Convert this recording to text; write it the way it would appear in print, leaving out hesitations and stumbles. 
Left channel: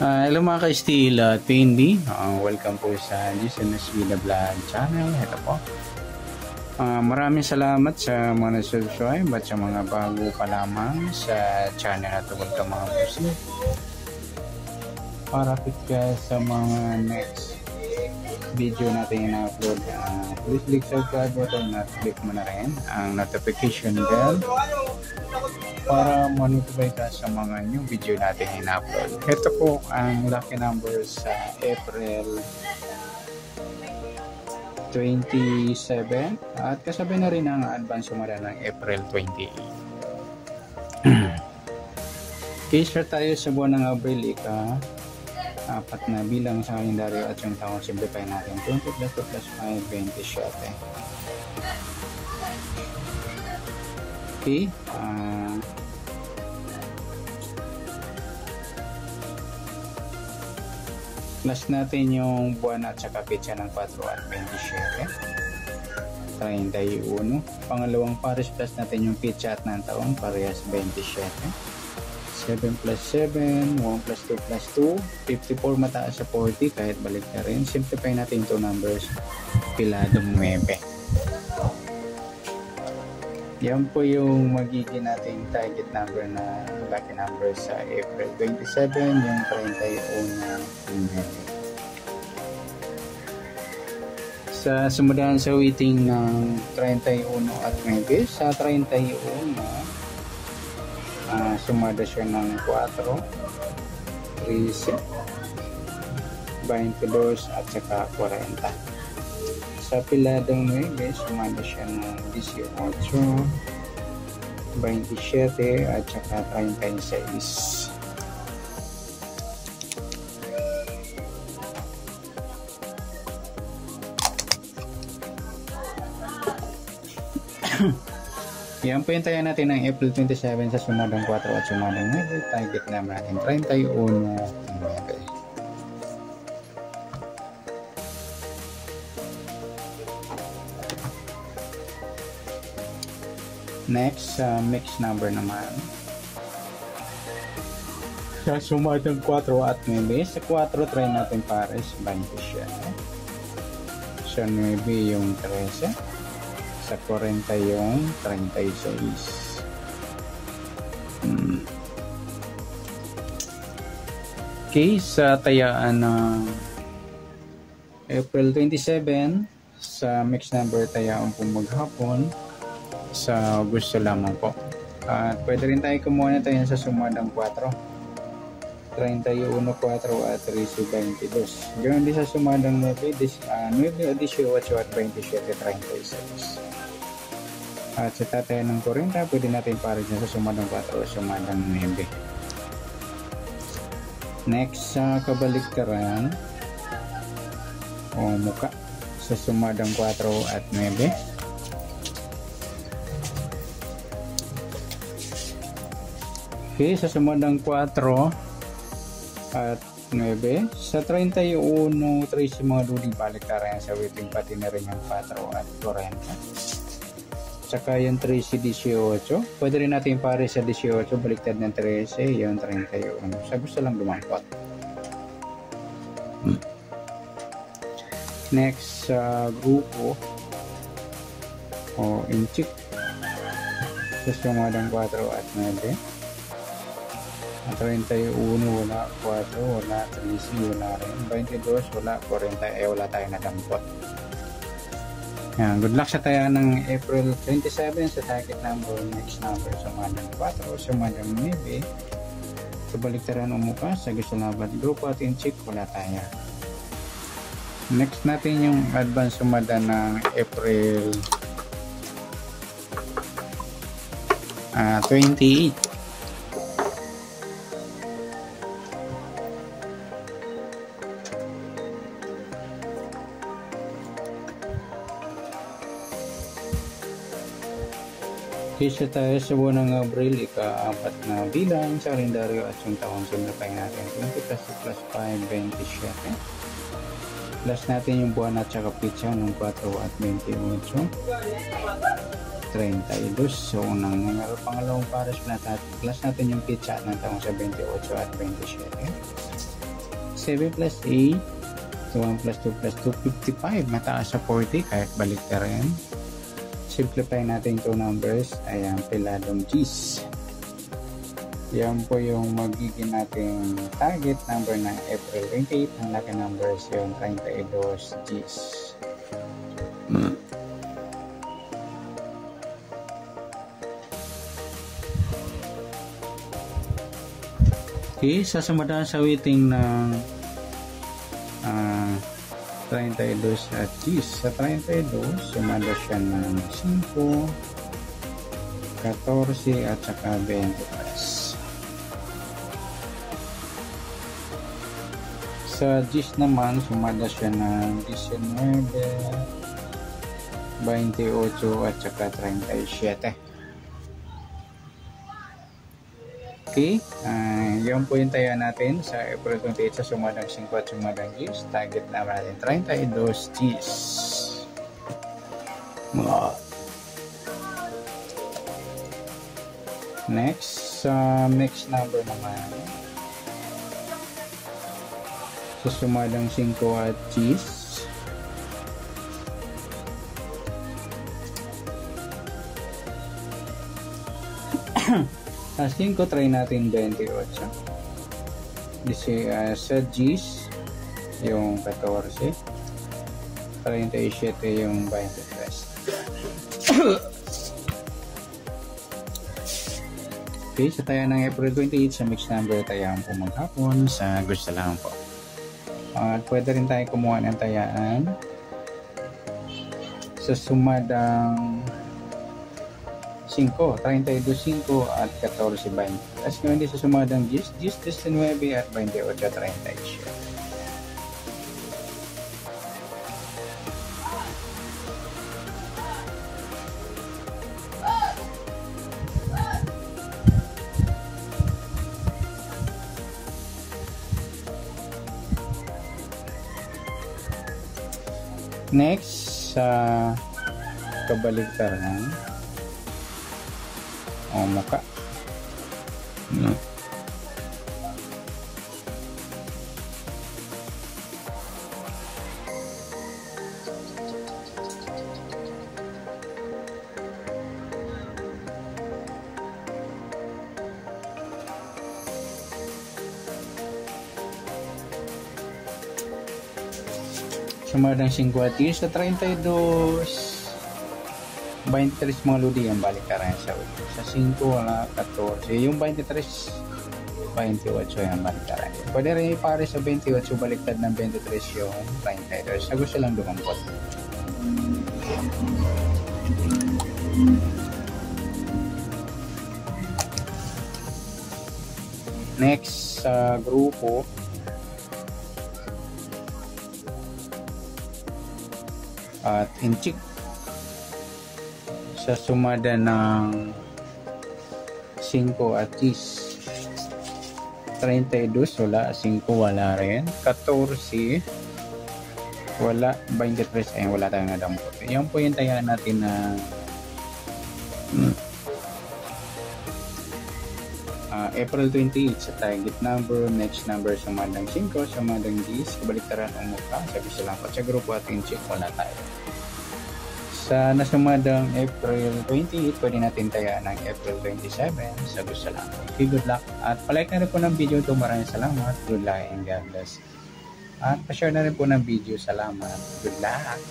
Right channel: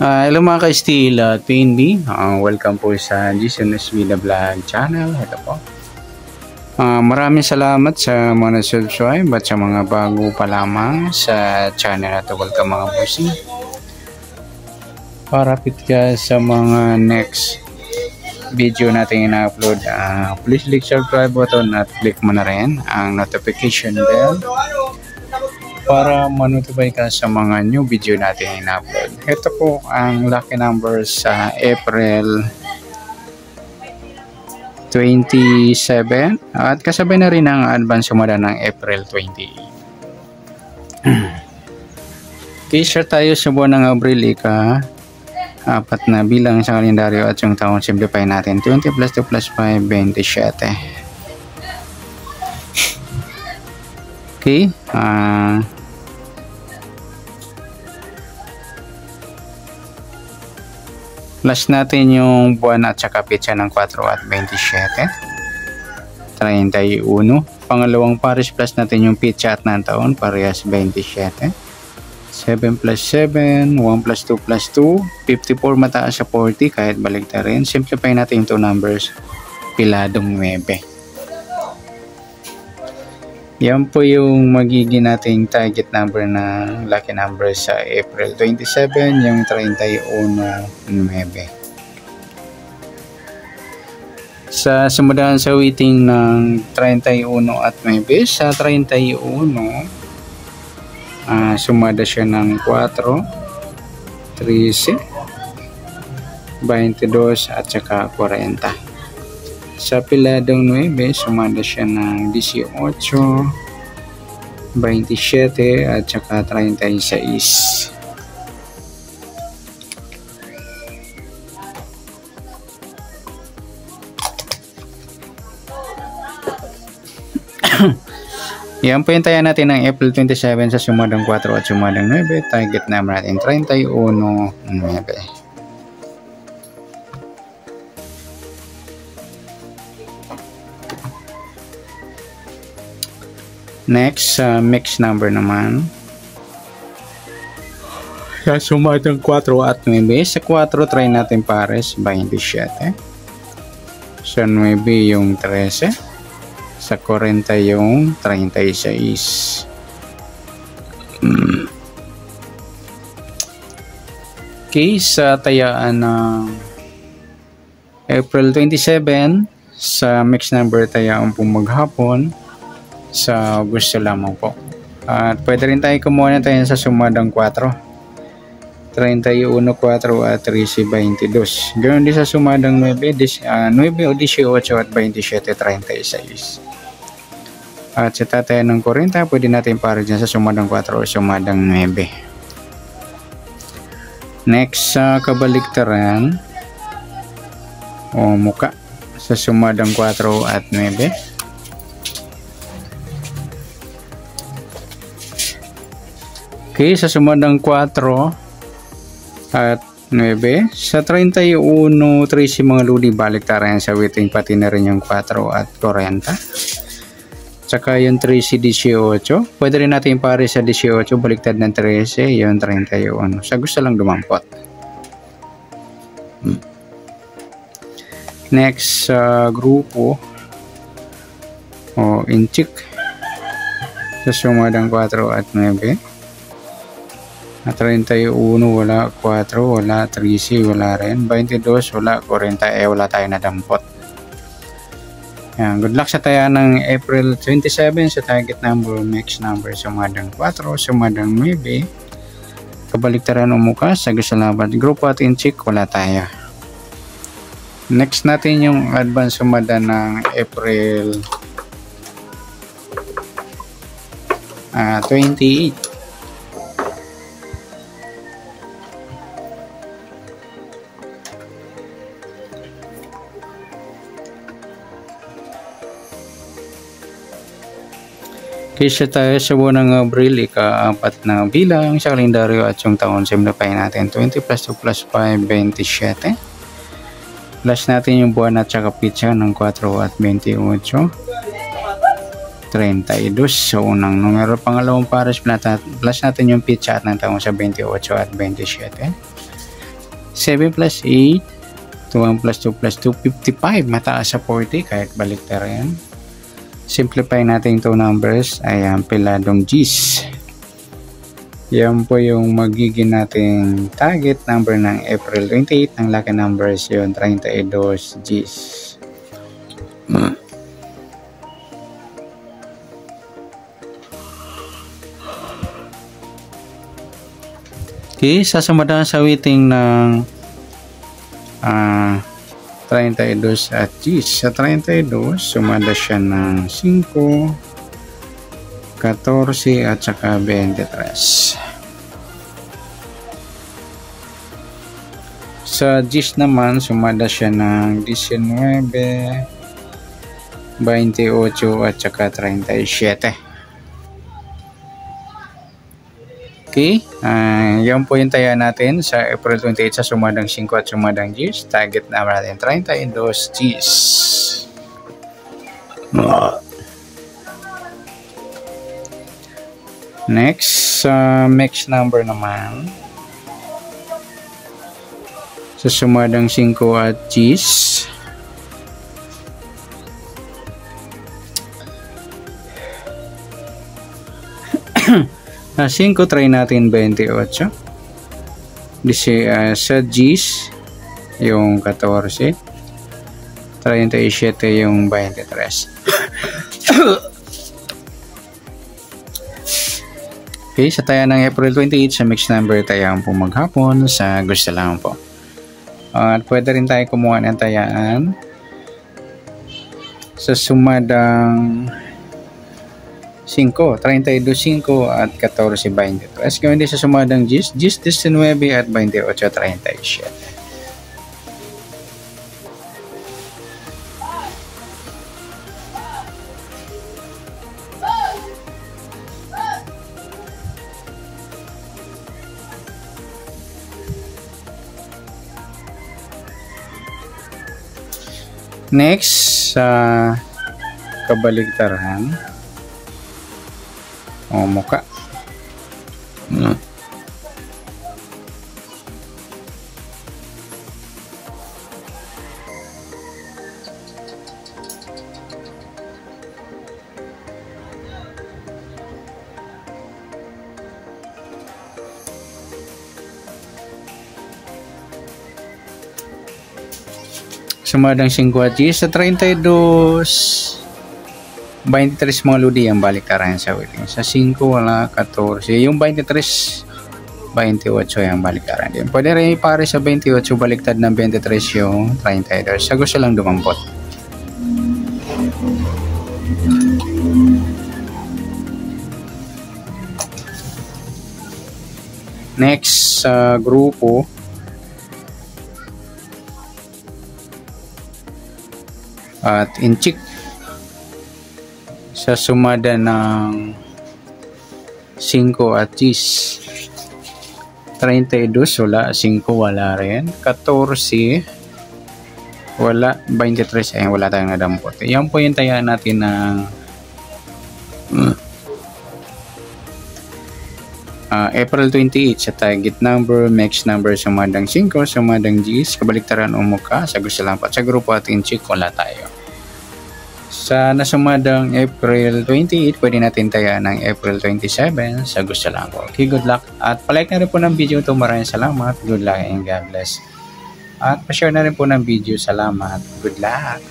Hello mga ka-Steel at PNB. Welcome po sa Jason Vida Vlog channel. Ito po. Maraming salamat sa mga subscribe at sa mga bago pa lamang sa channel na ito. Welcome mga bossy. Parapit ka sa mga next video natin ina-upload. Please click subscribe button at click mo na rin ang notification bell para ma-notify ka sa mga new video natin in-upload. Ito po ang lucky numbers sa April 27 at kasabay na rin ang advance sumada ng April 28. Kisa tayo sa buwan ng Abril, apat na bilang sa kalendaryo at yung taon simplify natin. 20 plus 2 plus 5, 27. Okay. Plus natin yung buwan at saka petsa ng 4 at 27. 31. Pangalawang pares plus natin yung petsa at ng taon, parehas 27. 7 plus 7, 1 plus 2 plus 2, 54 mataas sa 40 kahit baligtad rin. Simplify natin yung 2 numbers, piladong 9. Yan po yung magiging nating target number na lucky number sa April 27, yung 31.9. Sa sumudahan sa waiting ng 31 at 9, sa 31, sumada siya ng 4, 13, 22 at saka 40. Sa piladong 9, sumada siya ng 18, 27 at saka 36. Yan po yung tayo natin ng April 27 sa sumadang 4 at sumadang 9. Target number natin 31.9. Next, mix number naman. Sa sumadang 4 at 9. Sa 4, try natin pares 27. Sa 9 yung 13. Sa 40 yung 36. Okay, sa tayaan ng April 27, sa mix number tayaan pong maghapon, sa gusto lamang po. At pwede rin tayo kumuha na tayo sa sumadang 4. 31, 4 at 13, 22. Ganoon din sa sumadang 9, 9 o 18 at 27, 36. At sa tatayan ng 40, pwede natin para dyan sa sumadang 4 o sumadang 9. Next, sa kabaliktaran o muka sa sumadang 4 at 9. Okay, sa sumadang 4 at 9, sa 31, 13 mga luli, baliktaran sa waiting pati na rin yung 4 at 40. Tsaka yung 13, 18. Pwede rin natin pare sa 18, baliktad ng 13, yung 31. Sa gusto lang dumampot. Next, grupo o inchik sa sumadang 4 at 9. At 31, wala 4, wala 13, wala rin 22, wala 40, wala tayo na dampot. Yan, good luck sa taya ng April 27 sa target number, next number, sumadang 4, sumadang 9. Kabaliktaran umuka sa gasalabat grupo at inchik, wala tayo. Next natin yung advance sumada ng April 28. Kisa tayo sa buwan ng Abril, ika-4 na bilang sa kalendaryo at yung taon simplify natin. 20 plus 2 plus 5, 27. Plus natin yung buwan at saka pitsa ng 4 at 28. 32 sa unang numero. Pangalawang pares, plus natin yung pitcha at ng taong sa 28 at 27. 7 plus 8, 1 plus 2 plus 2, 55. Mataas sa 40 kahit balikta rin. Simplify natin yung 2 numbers. Ayan, piladong G's. Yan po yung magiging nating target number ng April 28. Ang lucky numbers yun, 32 G's. Okay, sasamadahan sa waiting ng 32 at G's. Sa 32, sumada siya ng 5, 14 at saka 23. Sa G's naman, sumada siya ng 19, 28 at saka 37. Okay, yan po yung taya natin sa April 28 sa sumadang 5 at sumadang G's. Target naman natin 32 G's. Next, mix number naman. Sa sumadang 5 at G's. Sa 5, try natin 28. Sa G's, yung 14. 37 yung 23. Okay, sa taya ng April 28, sa mix number tayaan po maghapon sa gusto lang po. At pwede rin tayo kumuha ng tayaan sa sumadang 5, 32, 5 at 14, 22. As gawin din sa sumadang G's, 19 at 28, 37. Next, sa kabaligtaran o muka. Sumadang 5 at G's. Sa 32, 23 mga ludi ang baliktaran sa wedding. Sa 5 wala 14. Yung 23, 28 yung baliktaran din. Pwede rin pare sa 28 baliktad ng 23 yung 32. Sa gusto lang dumampot. Next sa grupo, at inchik sa sumada ng 5 at G's. 32 wala, 5 wala rin, 14 wala, 23 ay wala tayong nadampot. Yan po yung taya natin ng April 28 sa target number, mix number sumadang 5, sumadang G's, kabaliktaran o muka sa gusto lang pa. Sa grupo at inchik wala tayo. Sa nasumadang April 28, pwede natin taya ng April 27 sa gusto lang po. Okay, good luck. At palike na rin po ng video ito. Maraming salamat. Good luck and God bless. At pa-share na rin po ng video. Salamat. Good luck.